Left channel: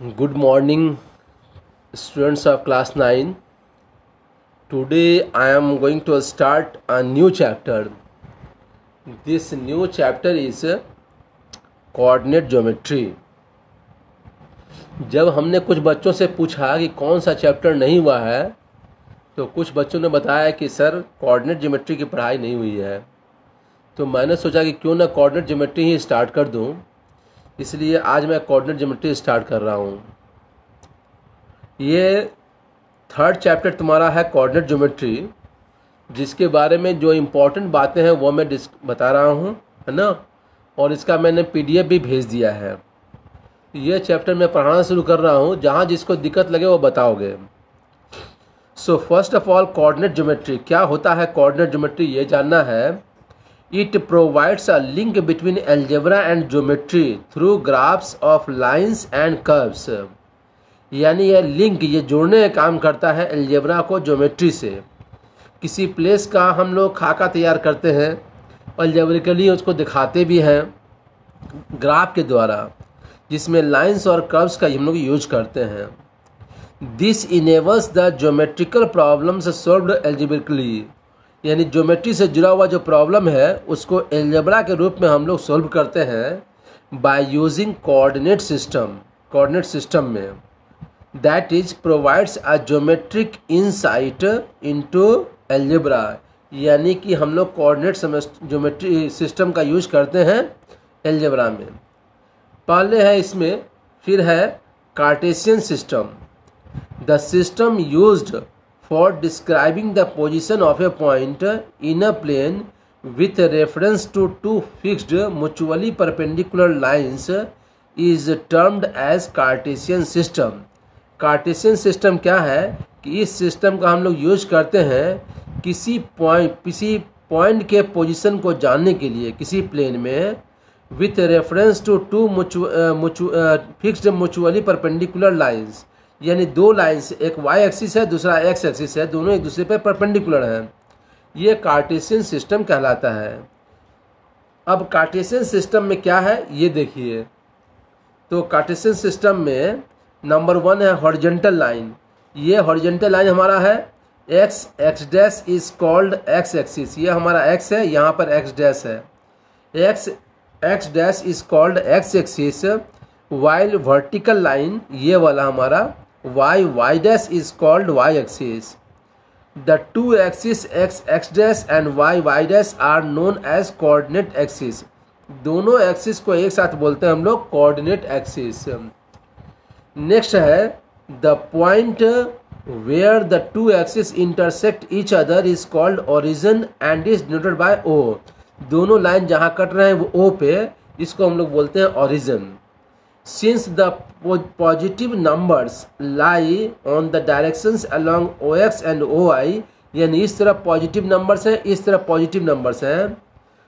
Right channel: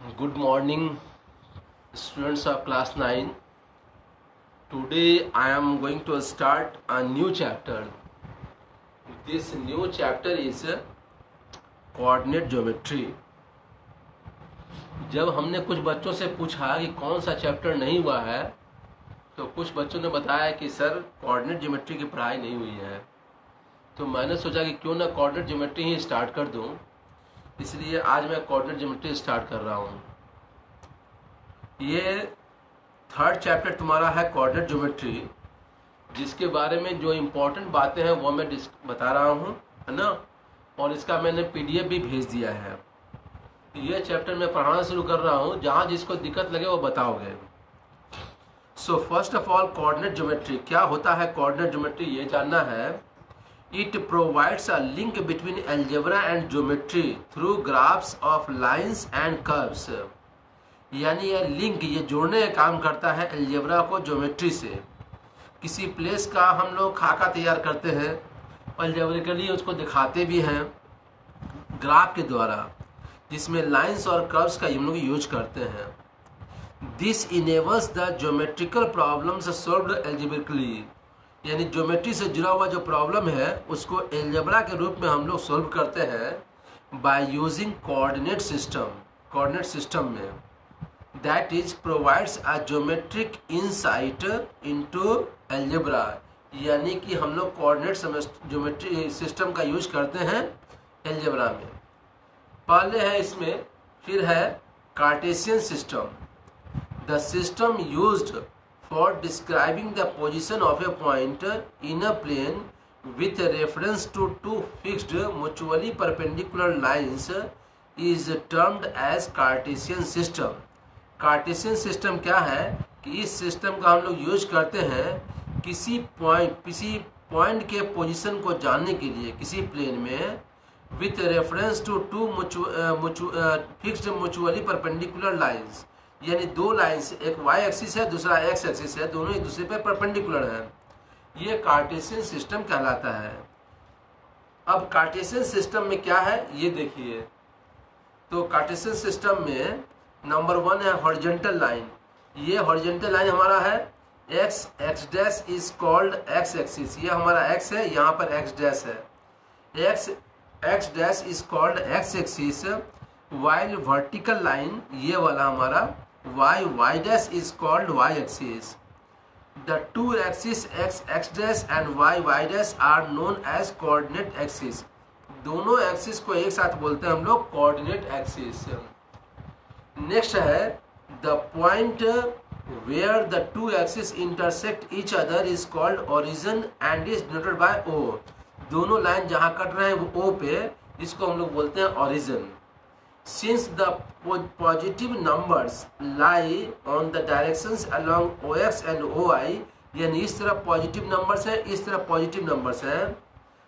Good morning, students of class 9. Today I am going to start a new chapter. This new chapter is coordinate geometry. जब हमने कुछ बच्चों से पूछा कि कौन सा चैप्टर नहीं हुआ है, तो कुछ बच्चों ने बताया कि सर कोऑर्डिनेट ज्योमेट्री की पढ़ाई नहीं हुई है। तो मैंने सोचा कि क्यों ना कोऑर्डिनेट ज्योमेट्री ही स्टार्ट कर दूं, इसलिए आज मैं कोऑर्डिनेट ज्योमेट्री स्टार्ट कर रहा हूं। ये थर्ड चैप्टर तुम्हारा है कोऑर्डिनेट ज्योमेट्री, जिसके बारे में जो इम्पोर्टेंट बातें हैं वो मैं बता रहा हूं, है ना। और इसका मैंने पीडीएफ भी भेज दिया है। ये चैप्टर मैं पढ़ाना शुरू कर रहा हूं, जहां जिसको दिक्कत लगे वो बताओगे। So first of all, coordinate geometry क्या होता है। कोऑर्डिनेट ज्योमेट्री ये जानना है, It provides a link between algebra and geometry through graphs of lines and curves. यानी ये जोड़ने का काम करता है अलजेब्रा को ज्योमेट्री से। किसी प्लेस का हम लोग खाका तैयार करते हैं, अलजेब्रिकली उसको दिखाते भी हैं ग्राफ के द्वारा, जिसमें लाइंस और कर्व्स का हम लोग यूज करते हैं। This enables the geometrical problems solved algebraically, यानी ज्योमेट्री से जुड़ा हुआ जो प्रॉब्लम है उसको अलजेब्रा के रूप में हम लोग सॉल्व करते हैं बाय यूजिंग कोऑर्डिनेट सिस्टम में। That is provides a geometric insight into algebra, यानी कि हम लोग कोऑर्डिनेट ज्योमेट्री सिस्टम का यूज करते हैं अलजेब्रा में। पहले है इसमें, फिर है Cartesian system. The system used for describing the position of a point in a plane with reference to two fixed mutually perpendicular lines is termed as Cartesian system. Cartesian system क्या है कि इस सिस्टम का हम लोग use करते हैं किसी पॉइंट के पोजीशन को जानने के लिए किसी प्लेन में, with reference to two fixed mutually perpendicular lines, यानी दो लाइन्स, एक वाई एक्सिस है दूसरा एक्स एक्सिस है, दोनों एक दूसरे पर परपेंडिकुलर हैं। ये कार्टेशियन सिस्टम कहलाता है। अब कार्टेशियन सिस्टम में क्या है ये देखिए। तो कार्टेशियन सिस्टम में नंबर 1 है हॉरिजॉन्टल लाइन। ये हॉरिजॉन्टल लाइन हमारा है x dash is called x axis. ये हमारा एक्स है, यहाँ पर एक्स डैश है। X dash is called x axis, while vertical line ये वाला हमारा y dash is called y axis. The two axes x dash and y dash are known as coordinate axis. दोनों axis को एक साथ बोलते हैं हम लोग कोऑर्डिनेट एक्सिस। नेक्स्ट है the point where the two axis intersect each other is called origin and is denoted by O. दोनों लाइन जहां कट रहे हैं वो ओ पे, इसको हम लोग बोलते हैं origin. Since the positive numbers lie on the directions along OX and OY, यानी इस तरफ पॉजिटिव नंबर्स हैं इस तरफ पॉजिटिव नंबर्स हैं,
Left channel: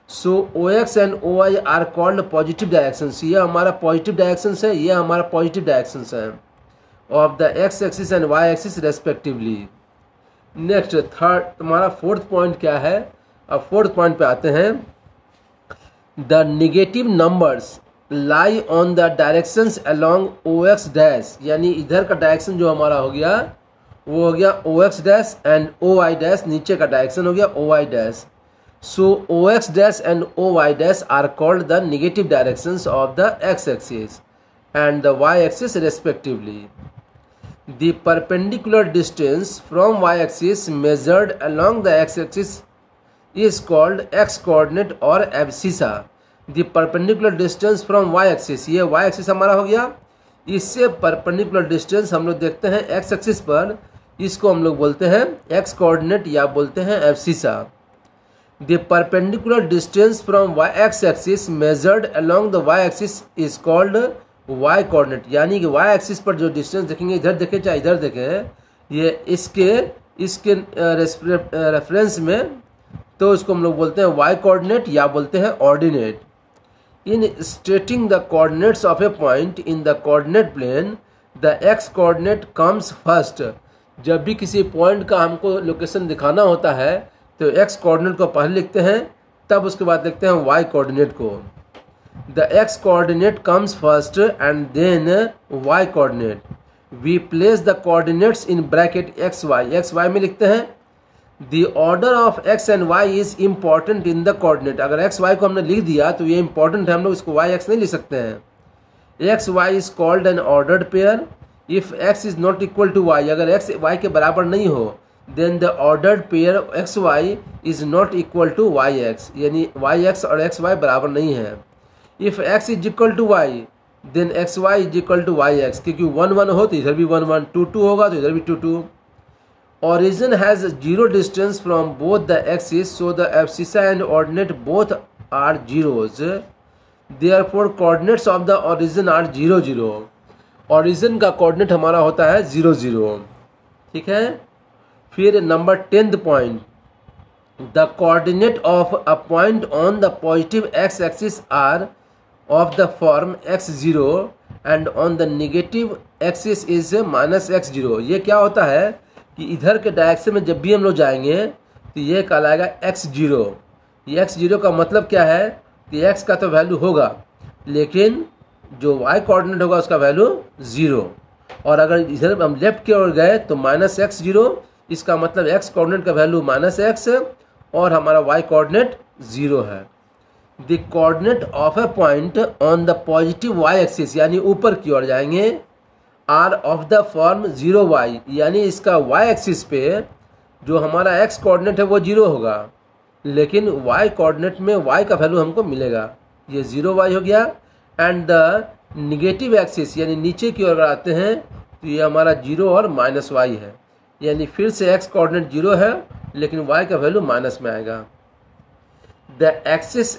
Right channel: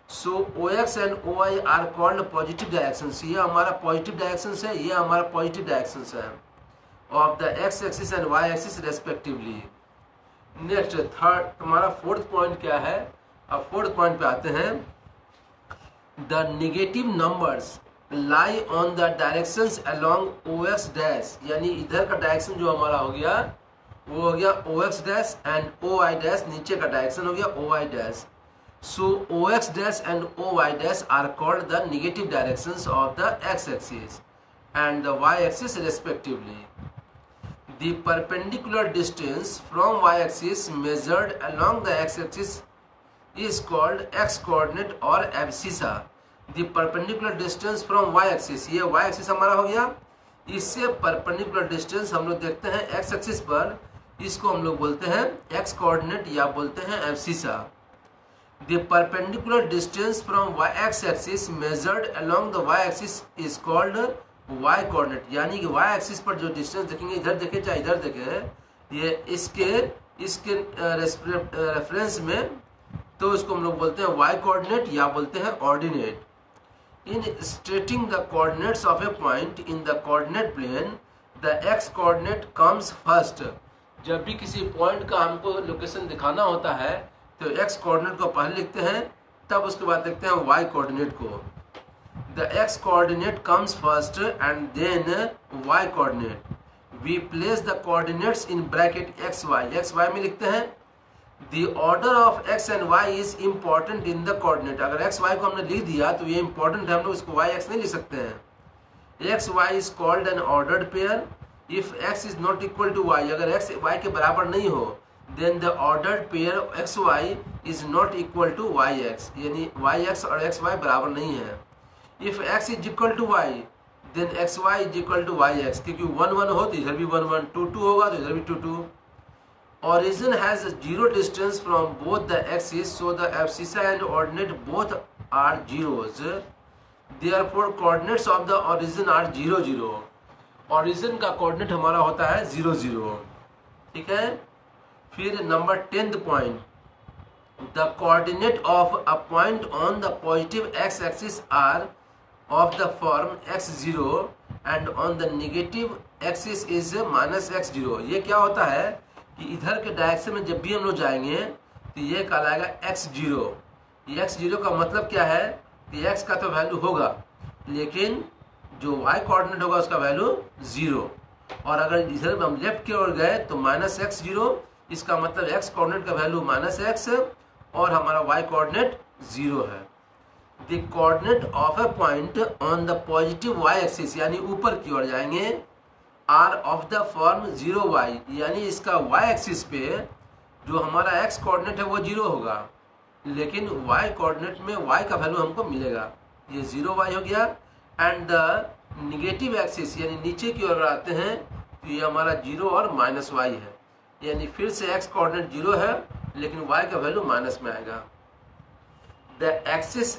so OX and OY are called positive directions. ये हमारा पॉजिटिव डायरेक्शंस है, ये हमारा पॉजिटिव डायरेक्शंस है of the x axis and y axis respectively. Next third हमारा फोर्थ पॉइंट क्या है। अब फोर्थ पॉइंट पे आते हैं, the negative numbers lie on the directions along o x dash, यानी इधर का डायरेक्शन जो हमारा हो गया वो हो गया O x dash and O Y dash, नीचे का डायरेक्शन हो गया O Y dash. So O x dash and O Y dash are called the negative directions of the x axis and the Y axis respectively. The perpendicular distance from Y axis measured along the x axis is called X coordinate और abscissa. The perpendicular distance from Y axis, ये Y axis हमारा हो गया, इससे perpendicular distance हम लोग देखते हैं एक्स एक्सिस पर, इसको हम लोग बोलते हैं एक्स कोऑर्डिनेट या बोलते हैं abscissa. The perpendicular distance from x axis measured along the Y axis is called y coordinate, यानी कि वाई एक्सिस पर जो डिस्टेंस देखेंगे, इधर देखें चाहे इधर देखें, ये इसके रेफरेंस में, तो इसको हम लोग बोलते हैं वाई कोऑर्डिनेट या बोलते हैं ordinate. In stating the coordinates of a point in the coordinate plane, the x coordinate comes first. जब भी किसी पॉइंट का हमको लोकेशन दिखाना होता है तो x कोऑर्डिनेट को पहले लिखते हैं, तब उसके बाद लिखते हैं y कोऑर्डिनेट को। The x coordinate comes first and then y coordinate. We place the coordinates in bracket xy में लिखते हैं. The order of x and y is important in the coordinate. अगर x y को हमने लिख दिया तो ये important है, हम लोग इसको y x नहीं लिख सकते हैं. x y is called an ordered pair. If x is not equal to y, अगर x y के बराबर नहीं हो, then the ordered pair x y is not equal to y x, यानी y x और x y बराबर नहीं है. If x is equal to y, then x y is equal to y x, क्योंकि 1 1 हो तो इधर भी 1 1, 2 2 होगा तो इधर भी 2 2. Origin has zero distance from both the axes, so the abscissa and ordinate both are zeros. Therefore, coordinates of the origin are 0 0. Origin का coordinate हमारा होता है 0 0. ठीक है. फिर number 10th point. The coordinate of a point on the positive x-axis are of the form x0 and on the negative axis is minus x0. ये क्या होता है कि इधर के डायरेक्शन में जब भी हम लोग जाएंगे तो ये कहलाएगा x0. ये x0 का मतलब क्या है कि x का तो वैल्यू होगा, लेकिन जो y कोऑर्डिनेट होगा उसका वैल्यू 0. और अगर इधर हम लेफ्ट की ओर गए तो माइनस x0, इसका मतलब x कोऑर्डिनेट का वैल्यू माइनस x और हमारा y कोऑर्डिनेट 0 है. The coordinate of A point on the positive y axis, यानी ऊपर की ओर जाएंगे, are of the form 0y, यानी इसका y एक्सिस पे जो हमारा x कोऑर्डिनेट है वो 0 होगा, लेकिन y कोऑर्डिनेट में y का वैल्यू हमको मिलेगा. ये 0y हो गया. एंड द निगेटिव एक्सिस, यानी नीचे की ओर आते हैं तो ये हमारा 0 और माइनस y है, यानी फिर से x कोऑर्डिनेट 0 है लेकिन y का वैल्यू माइनस में आएगा. The axis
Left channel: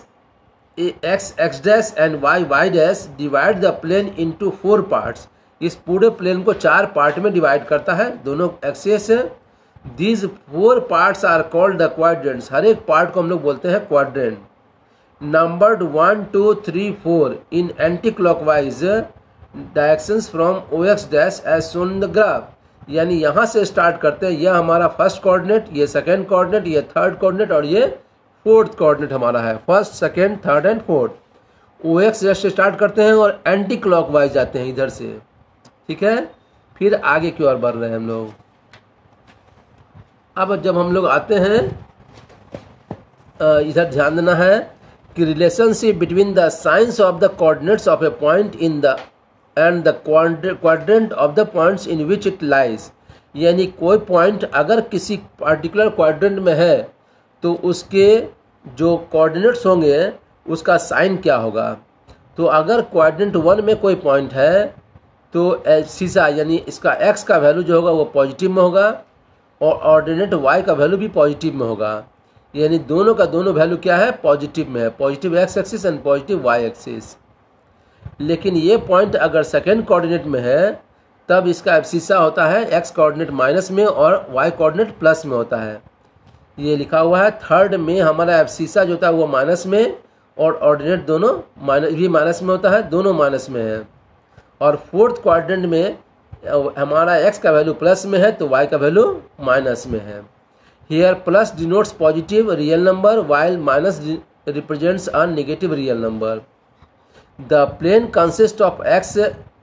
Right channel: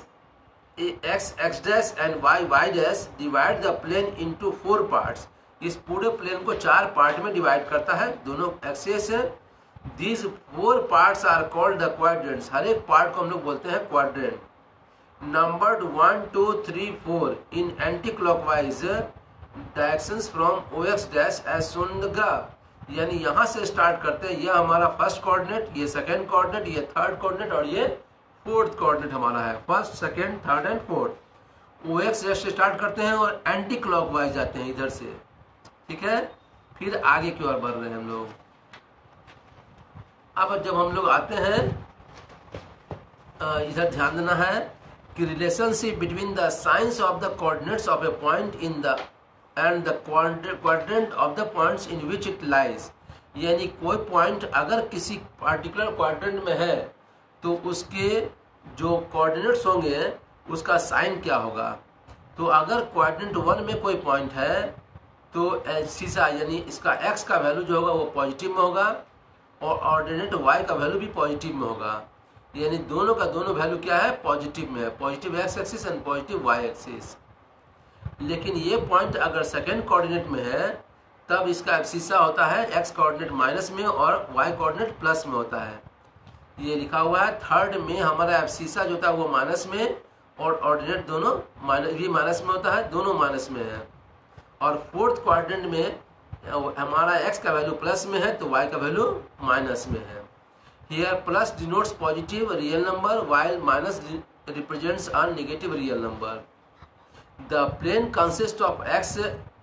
x dash and y dash divide the plane into 4 parts. इस पूरे प्लेन को 4 पार्ट में डिवाइड करता है, दोनों axis. These 4 parts are called the quadrants. हर एक पार्ट को हम लोग बोलते हैं quadrant. Numbered 1 2 3 4 in anti clockwise directions from OX dash as shown in the graph. यानी यहाँ से स्टार्ट करते हैं, यह हमारा फर्स्ट कोऑर्डिनेट, ये सेकंड कोऑर्डिनेट, ये थर्ड कोऑर्डिनेट और ये फोर्थ कोऑर्डिनेट हमारा है. First, second, third and fourth. OX से स्टार्ट करते हैं और एंटी क्लॉकवाइज जाते हैं इधर से. ठीक है. फिर आगे की ओर बढ़ रहे हैं हम लोग. अब जब हम लोग आते हैं इधर ध्यान देना है कि relationship between the science of the coordinates of A point in the end the quadrant of the points in which it lies. यानी कोई पॉइंट अगर किसी पार्टिकुलर क्वाड्रेंट में है तो उसके जो कोऑर्डिनेट्स होंगे उसका साइन क्या होगा. तो अगर क्वाड्रेंट 1 में कोई पॉइंट है तो एब्सिसा यानी इसका x का वैल्यू जो होगा वो पॉजिटिव में होगा और ऑर्डिनेट y का वैल्यू भी पॉजिटिव में होगा. यानी दोनों का दोनों वैल्यू क्या है, पॉजिटिव में है, positive x axis and positive y axis. लेकिन ये पॉइंट अगर सेकेंड कोऑर्डिनेट में है तब इसका एब्सिसा होता है x कोऑर्डिनेट माइनस में और y कोऑर्डिनेट प्लस में होता है. ये लिखा हुआ है. थर्ड में हमारा एब्सिसा जो होता है वो माइनस में और ऑर्डिनेट दोनों माइनस में होता है, दोनों माइनस में है. और फोर्थ क्वाड्रेंट में हमारा x का वैल्यू प्लस में है तो y का वैल्यू माइनस में है. Here plus denotes positive real number while minus represents a negative real number. The plane consist of x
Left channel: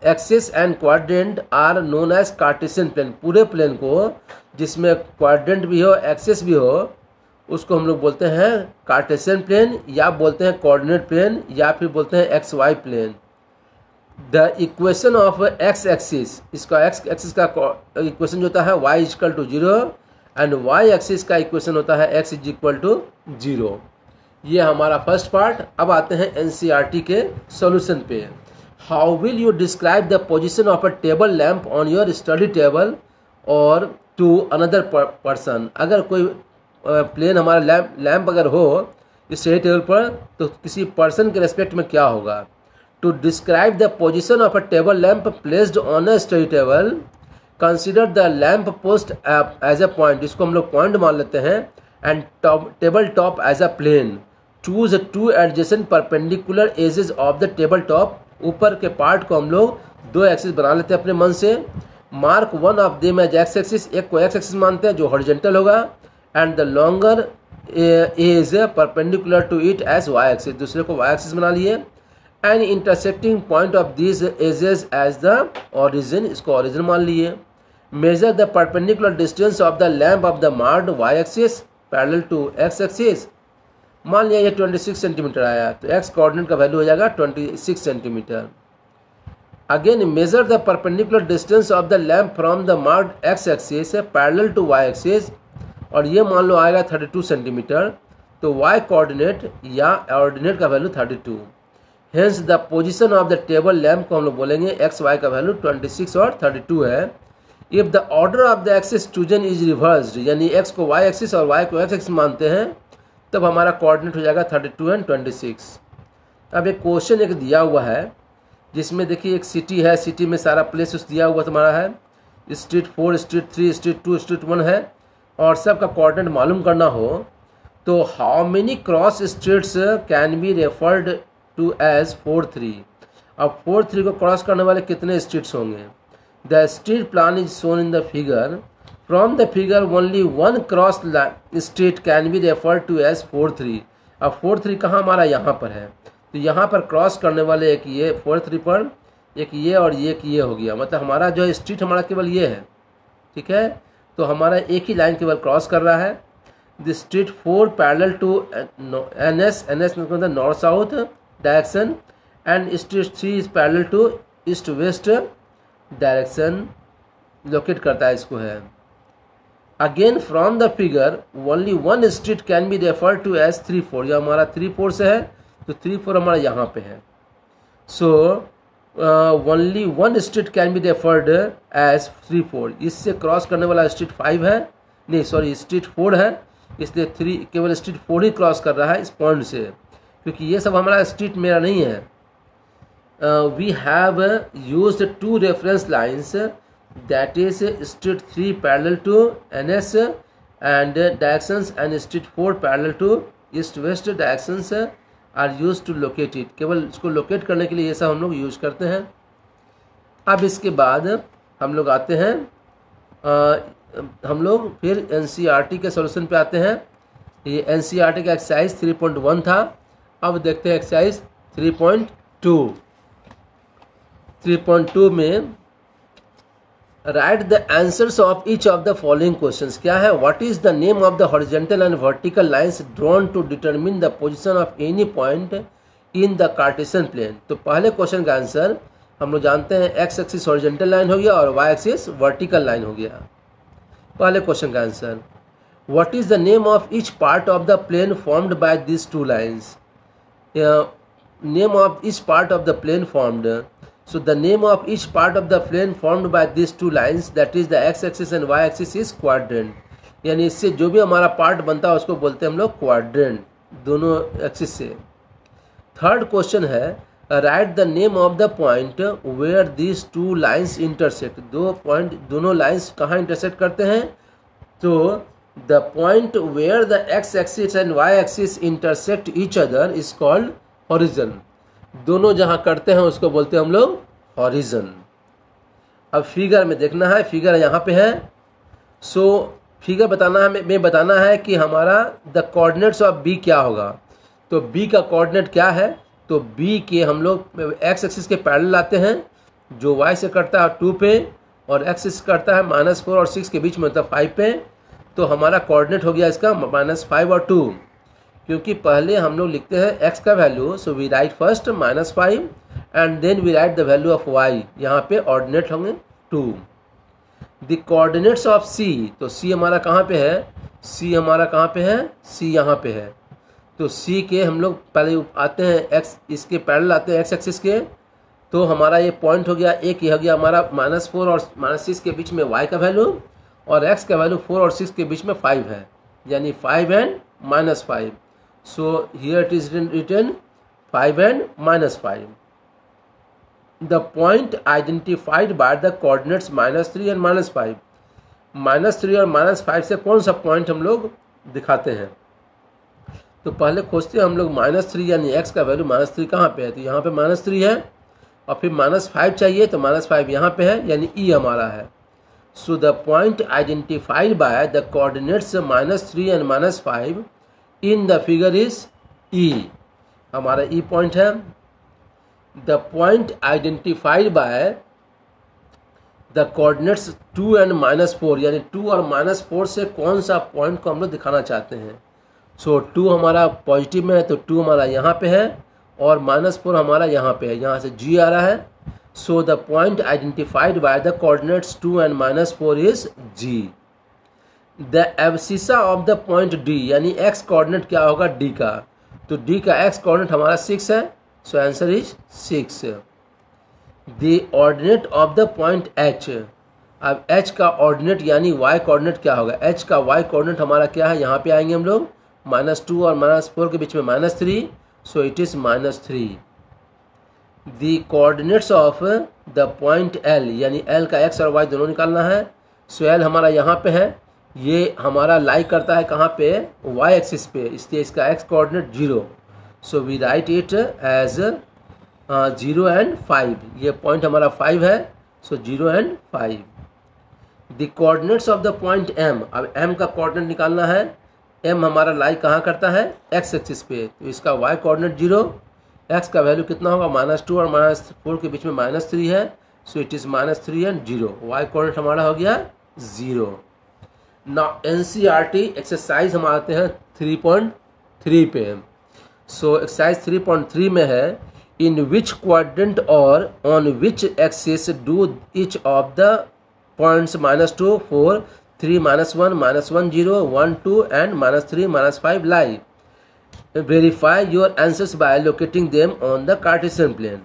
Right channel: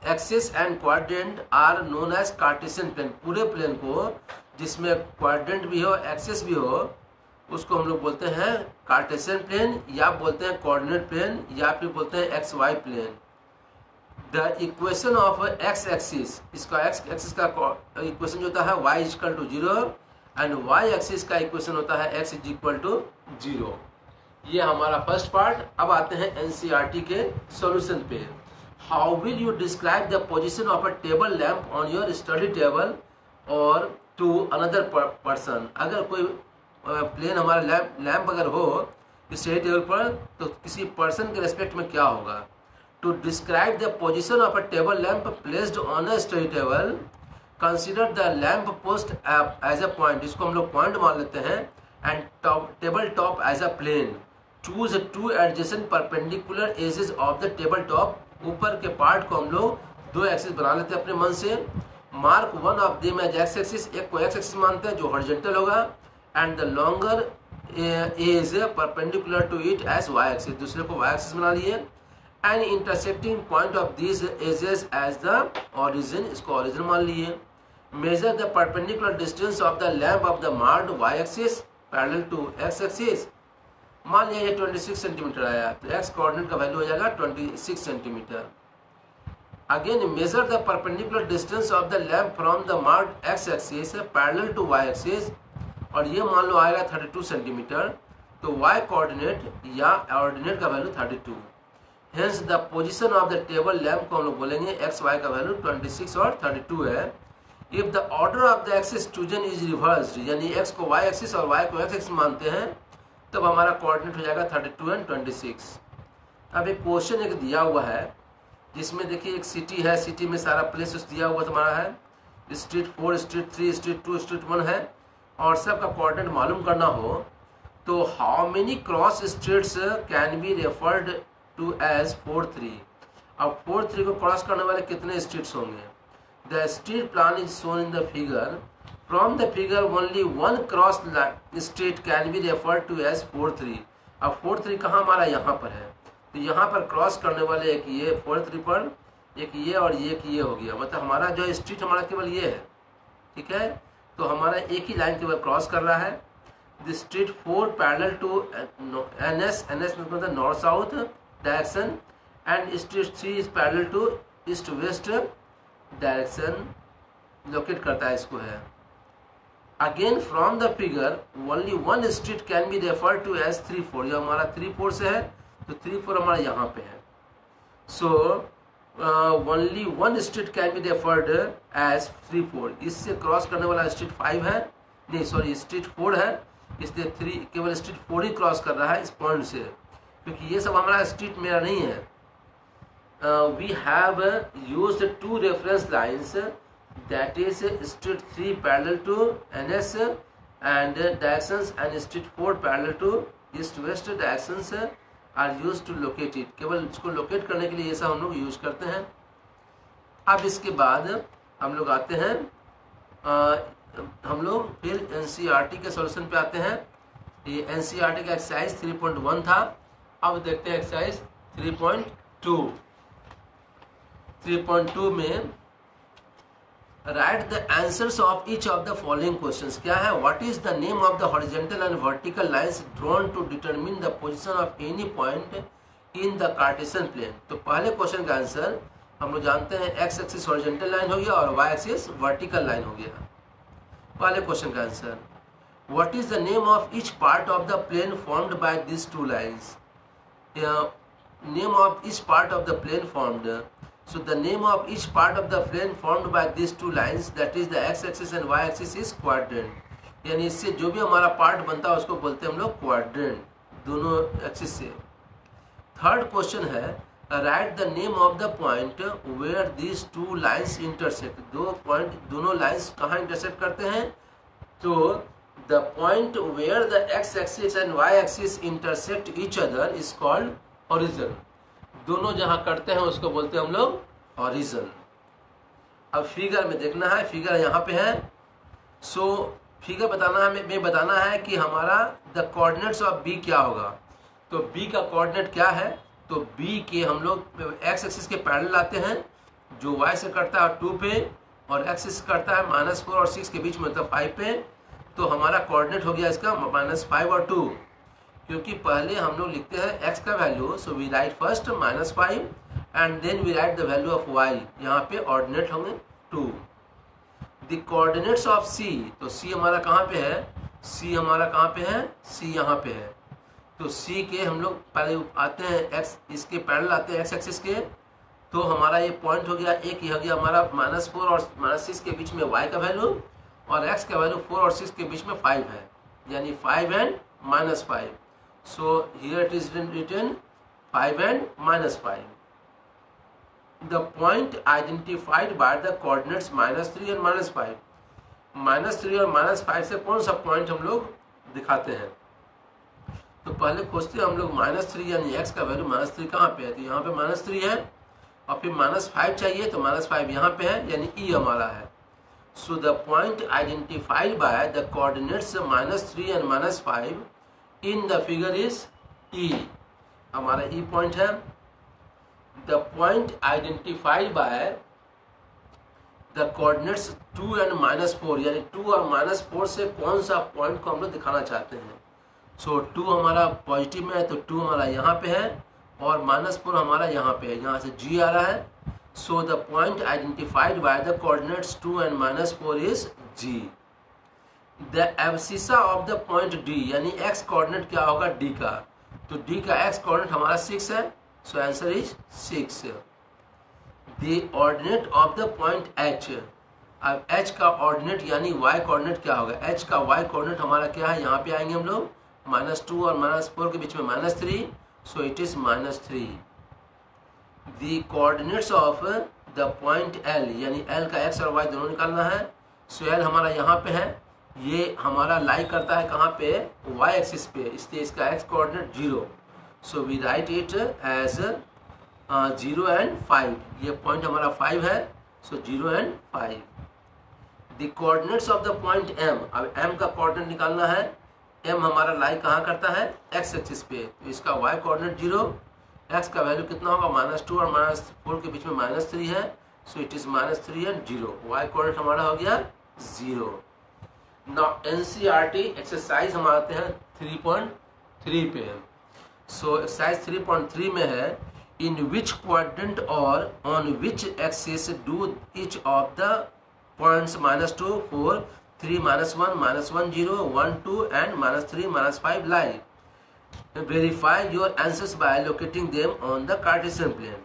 axis and quadrant are known as Cartesian plane. पूरे plane को जिसमें quadrant भी हो axis भी हो उसको हम लोग बोलते हैं कार्टेशियन प्लेन, या बोलते हैं कोऑर्डिनेट प्लेन, या फिर बोलते हैं XY plane. The equation of x axis, इसका x एक्सिस का इक्वेशन जो होता है y equal to 0 and y axis का इक्वेशन होता है x इज इक्वल टू 0. ये हमारा फर्स्ट पार्ट. अब आते हैं NCERT के सॉल्यूशन पे. How will you describe the position of a table lamp on your study table और टू अनदर पर्सन. अगर कोई प्लेन हमारा लैम्प अगर हो स्टडी टेबल पर तो किसी पर्सन के रेस्पेक्ट में क्या होगा. To describe the position of a table lamp placed on a study table, consider the lamp post as a point. इसको हम लोग पॉइंट मान लेते हैं. And table top as a plane. Choose 2 adjacent perpendicular axes of the table top. ऊपर के part को हम लोग 2 एक्सिस बना लेते हैं अपने मन से. Mark 1 of them as X axis. एक को एक्स एक्सिस मानते हैं जो हॉरिजॉन्टल होगा and the longer is perpendicular to it as Y axis. दूसरे को वाई एक्सिस बना लिए. And intersecting point of this axes as the origin, इसको ओरिजिन मान लिए। Measure the perpendicular distance of the lamp of the marked Y axis parallel to X axis. मान लिया ये 26 सेंटीमीटर आया, तो एक्स कोऑर्डिनेट का वैल्यू हो जाएगा 26 centimetre. Again measure the perpendicular distance of the lamp from the marked X axis parallel to Y axis, और ये मान लो आएगा 32 सेंटीमीटर, तो वाई कोऑर्डिनेट या ऑर्डिनेट का value 32। Hence the position of the table lamp को हम लोग बोलेंगे एक्स वाई का वैल्यू 26 और 32 है। If the order of the axis chosen is reversed, यानी एक्स को वाई एक्सिस और वाई को एक्स एक्सिस मानते हैं, तब हमारा कोऑर्डिनेट हो जाएगा 32 एंड 26। अब एक क्वेश्चन एक दिया हुआ है जिसमें देखिए एक सिटी है, सिटी में सारा प्लेस दिया हुआ तुम्हारा है, स्ट्रीट 4, स्ट्रीट 3, स्ट्रीट 2, स्ट्रीट 1 है, और सबका कोऑर्डिनेट मालूम करना हो तो how many cross streets can be referred to as 4-3। अब 4-3 को क्रॉस करने वाले कितने स्ट्रीट्स होंगे? The street plan is shown in the figure. From the figure only one cross street can be referred to as 4-3। अब 4-3 कहाँ हमारा यहाँ पर है, तो यहाँ पर क्रॉस करने वाले एक ये 4-3 पर, एक ये और एक ये हो गया, मतलब हमारा जो स्ट्रीट हमारा केवल ये है, ठीक है। तो हमारा एक ही लाइन केवल क्रॉस कर रहा है। The street 4 parallel to NS, NS मतलब north south direction, and street 3 is parallel to east west direction locate करता है इसको है। Again from the figure only one street can be referred to as 3-4, यह हमारा 3-4 से है, तो 3-4 हमारा यहाँ पे है। So only one street can be referred as 3-4। इससे क्रॉस करने वाला स्ट्रीट 5 है, नहीं सॉरी स्ट्रीट 4 है, इसलिए 3 केवल स्ट्रीट 4 ही क्रॉस कर रहा है इस पॉइंट से, क्योंकि ये सब हमारा स्ट्रीट मेरा नहीं है। We have used 2 reference lines, that is street 3 parallel to NS and directions, and street 4 parallel to east west directions are use to locate it. केवल इसको लोकेट करने के लिए ये सब हम लोग यूज करते हैं। अब इसके बाद हम लोग आते हैं हम लोग फिर NCERT के सॉल्यूशन पे आते हैं। ये NCERT का एक्सरसाइज 3.1 था। अब देखते हैं एक्सरसाइज 3.2। 3.2 में write the answers of each of the following questions. क्या है? What is the name of the horizontal and vertical lines drawn to determine the position of any point in the Cartesian plane. तो पहले question का answer हम लोग जानते हैं, x axis horizontal line हो गया और वाई एक्सिस वर्टिकल लाइन हो गया। पहले क्वेश्चन का answer, what is the name of each part of the plane formed by this 2 lines. Name of each part of the plane formed, so the name of each part of the plane formed by these 2 lines, that is the x axis and y axis, is quadrant। यानी इससे जो भी हमारा part बनता है उसको बोलते हैं हम लोग क्वाड्रेंट, दोनों एक्सिस से। थर्ड क्वेश्चन है, write the name of the point where these 2 lines intersect. दोनों लाइन्स कहाँ इंटरसेक्ट करते हैं? तो the point where the x axis and y axis intersect each other is called horizon। दोनों जहां करते हैं उसको बोलते हैं हम लोग हॉरिजन। अब फिगर में देखना है, फिगर यहाँ पे है। सो फिगर बताना है कि हमारा द कोऑर्डिनेट्स ऑफ बी क्या होगा। तो बी का कोऑर्डिनेट क्या है? तो बी के हम लोग एक्स एक्सिस के पैरेलल लाते हैं, जो वाई से करता है 2 पे, और एक्सिस करता है -4 और 6 के बीच में, मतलब 5 पे। तो हमारा कोऑर्डिनेट हो गया इसका -5 और 2, क्योंकि पहले हम लोग लिखते हैं x का value, so we write first -5 and then we write the value of y। यहाँ पे ऑर्डिनेट होंगे 2। द कोऑर्डिनेट्स ऑफ c, तो c हमारा कहाँ पे है? c हमारा कहाँ पे है? c यहाँ पे है। तो c के हम लोग पहले आते हैं x, इसके पैरेलल आते हैं x एक्सिस के। तो हमारा ये पॉइंट हो गया, एक ये हो गया हमारा -4 और -6 के बीच में y का वैल्यू, और x का वैल्यू 4 और 6 के बीच में 5 है, यानी 5 and -5। So here it is written 5 and -5. The point identified by the coordinates -3 and -5। -3 और -5 से कौन सा पॉइंट हम लोग दिखाते हैं? तो पहले खोजते हैं हम लोग -3, यानी x का वैल्यू -3 कहाँ पे है? तो यहाँ पे -3 है, और फिर -5 चाहिए, तो -5 यहाँ पे है, यानी E हमारा है। So the point identified by the coordinates -3 and -5 in the figure is E। हमारा E पॉइंट है। The point identified by the coordinates 2 and -4, यानी 2 और -4 से कौन सा पॉइंट को हम लोग दिखाना चाहते हैं। सो 2 हमारा पॉजिटिव में है तो 2 हमारा यहाँ पे है और -4 हमारा यहाँ पे है, यहाँ से G आ रहा है। So the point identified by the coordinates 2 and -4 is G। The abscissa of the point D, यानी x कोऑर्डिनेट क्या होगा D का, तो D का x कोऑर्डिनेट हमारा 6 है, so answer is 6। The ordinate of the point H, अब H का ऑर्डिनेट यानी y कोऑर्डिनेट क्या होगा, H का y कोऑर्डिनेट हमारा क्या है, यहाँ पे आएंगे हम लोग -2 और -4 के बीच में -3, so it is -3। The coordinates of the point L, यानी L का x और y दोनों निकालना है। सो L हमारा यहाँ पे है, ये हमारा लाई करता है कहाँ पे, y एक्सिस पे, इसलिए इसका x coordinate 0, so we write it as 0 and 5। ये पॉइंट हमारा 5 है, सो 0 and 5। The coordinates of the point M, अब M का कोऑर्डिनेट निकालना है। M हमारा लाई कहाँ करता है, x एक्सिस पे, तो इसका y कोऑर्डिनेट 0, x का वैल्यू कितना होगा, -2 और -4 के बीच में -3 है, so it is -3 and 0, y coordinate हमारा हो गया 0। नाउ NCERT एक्सरसाइज हम आते हैं 3.3 पे। सो एक्सरसाइज 3.3 में है, इन विच क्वाड्रेंट और on which axis do each of the points -2, 4, 3, -1, -1, 0, 1, 2 and -3, -5 lie। Verify your answers by locating them on the Cartesian plane।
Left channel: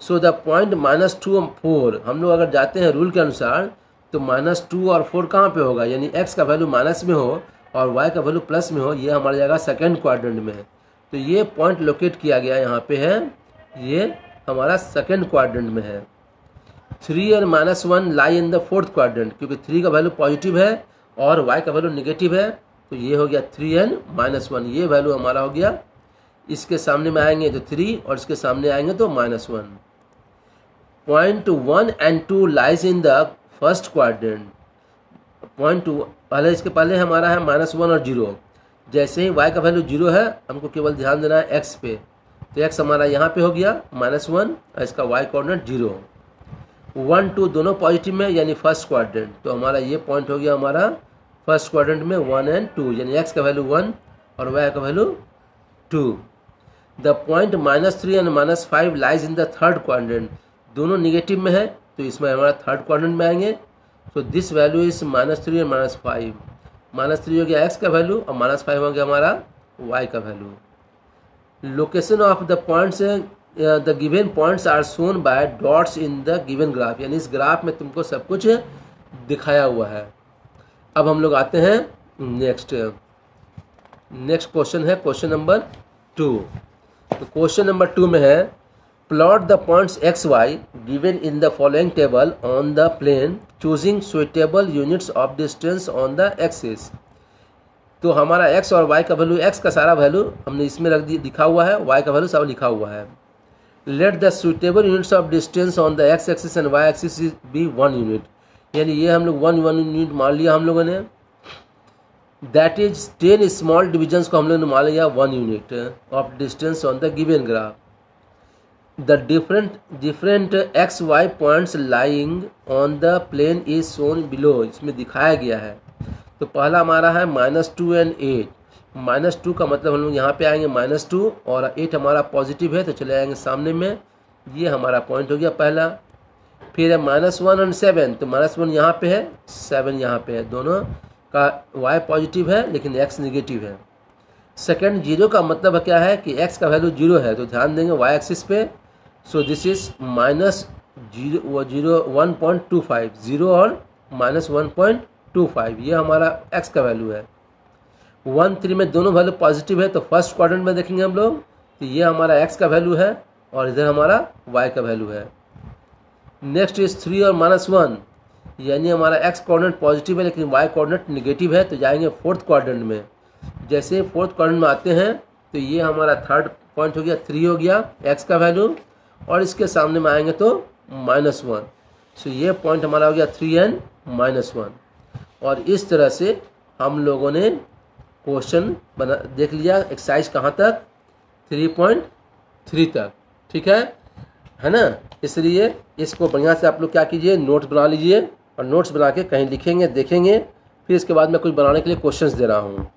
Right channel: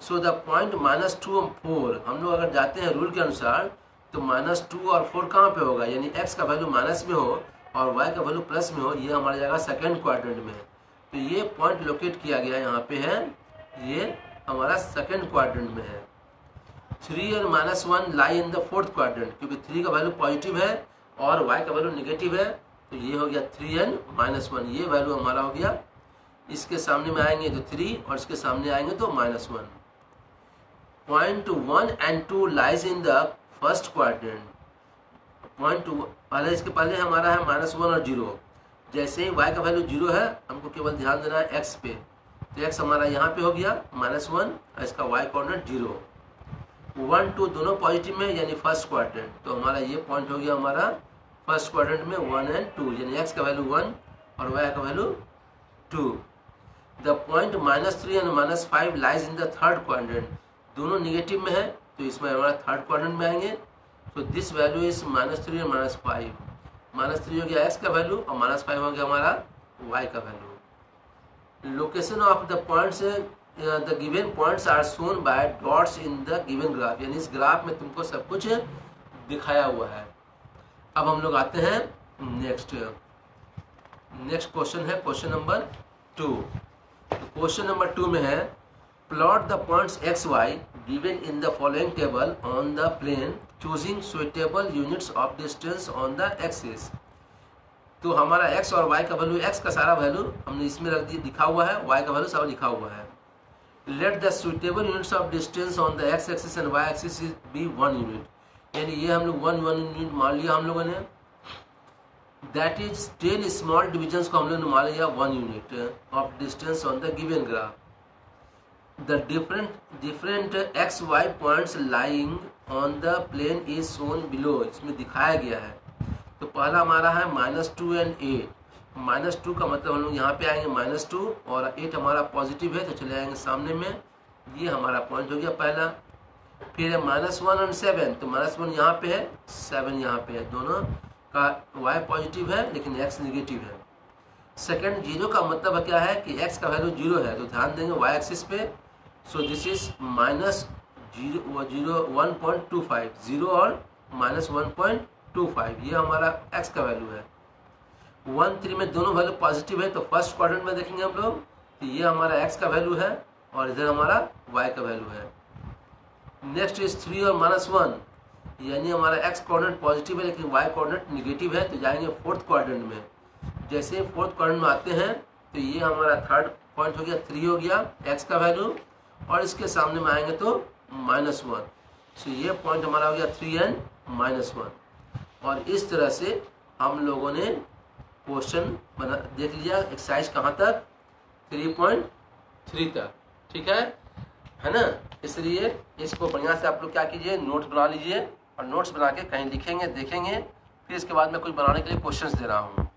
So the point -2 और 4, हम लोग अगर जाते हैं रूल के अनुसार तो -2 और 4 कहाँ पे होगा, यानी x का वैल्यू माइनस में हो और y का वैल्यू प्लस में हो, ये हमारी जगह सेकेंड क्वाड्रेंट में है। तो ये पॉइंट लोकेट किया गया यहाँ पे है, ये हमारा सेकेंड क्वाड्रेंट में है। 3 और -1 लाई इन द फोर्थ क्वाड्रेंट, क्योंकि 3 का वैल्यू पॉजिटिव है और y का वैल्यू नेगेटिव है, तो ये हो गया 3 and -1, ये वैल्यू हमारा हो गया। इसके सामने में आएंगे तो 3 और इसके सामने आएंगे तो -1। Point 1 and 2 lies in the first quadrant. Point 2 पहले, इसके पहले हमारा है -1 और 0। जैसे ही y का वैल्यू 0 है, हमको केवल ध्यान देना है x पे, तो x हमारा यहाँ पे हो गया -1 और इसका y कोऑर्डिनेट 0। 1, 2 दोनों पॉजिटिव में, यानी फर्स्ट क्वाड्रेंट, तो हमारा ये पॉइंट हो गया हमारा फर्स्ट क्वाड्रेंट में 1 and 2, यानी x का वैल्यू 1 और y का value 2। The point -3 and -5 lies in the third quadrant, दोनों निगेटिव में है, तो इसमें हमारा थर्ड क्वाड्रेंट में आएंगे। तो दिस वैल्यू इज -3 और -5, -3 हो गया x का वैल्यू और -5 हो गया हमारा y का value. Location of the points, the given points are shown by dots in the given graph, यानी इस ग्राफ में तुमको सब कुछ दिखाया हुआ है। अब हम लोग आते हैं नेक्स्ट क्वेश्चन है, क्वेश्चन नंबर 2। तो क्वेश्चन नंबर 2 में है, plot the points x, y given in the following table on the plane choosing suitable units of distance on the axis. तो हमारा x और y का वैल्यू, x का सारा वैल्यू हमने इसमें रख लिखा हुआ है, y का वैल्यू सब लिखा हुआ है। Let the suitable units of distance on the x axis and y axis be 1 unit, यानी ये हम लोग 1 यूनिट मान लिया हम लोगों ने। दैट इज 10 स्मॉल डिविजन्स को हम लोगों ने मान लिया 1 unit of distance on the given graph. The different X Y points lying on the plane is shown below, इसमें दिखाया गया है। तो पहला हमारा है -2 and 8। -2 का मतलब हम लोग यहाँ पे आएंगे -2 और 8 हमारा पॉजिटिव है, तो चले आएंगे सामने में, ये हमारा पॉइंट हो गया पहला। फिर है -1 and 7, तो -1 यहाँ पे है, 7 यहाँ पे है, दोनों का y पॉजिटिव है लेकिन x निगेटिव है। सेकंड 0 का मतलब क्या है कि x का वैल्यू 0 है, तो ध्यान देंगे y एक्सिस पे। सो दिस इज -1.25, 0 और -1.25, ये हमारा x का वैल्यू है। 1, 3 में दोनों वैल्यू पॉजिटिव है, तो फर्स्ट क्वाड्रेंट में देखेंगे हम लोग, तो ये हमारा x का वैल्यू है और इधर हमारा y का वैल्यू है। नेक्स्ट इज 3 और -1, यानी हमारा x कोऑर्डिनेट पॉजिटिव है लेकिन y कोऑर्डिनेट निगेटिव है, तो जाएंगे फोर्थ क्वाड्रेंट में। जैसे फोर्थ क्वाड्रेंट में आते हैं तो ये हमारा थर्ड पॉइंट हो गया, 3 हो गया x का वैल्यू, और इसके सामने में आएंगे तो -1, सो ये पॉइंट हमारा हो गया 3 and -1। और इस तरह से हम लोगों ने क्वेश्चन बना देख लिया, एक्सरसाइज कहाँ तक, 3.3 तक, ठीक है। है ना। इसलिए इसको बढ़िया से आप लोग क्या कीजिए, नोट्स बना लीजिए और नोट्स बना के कहीं लिखेंगे, देखेंगे, फिर इसके बाद मैं कुछ बनाने के लिए क्वेश्चंस दे रहा हूँ।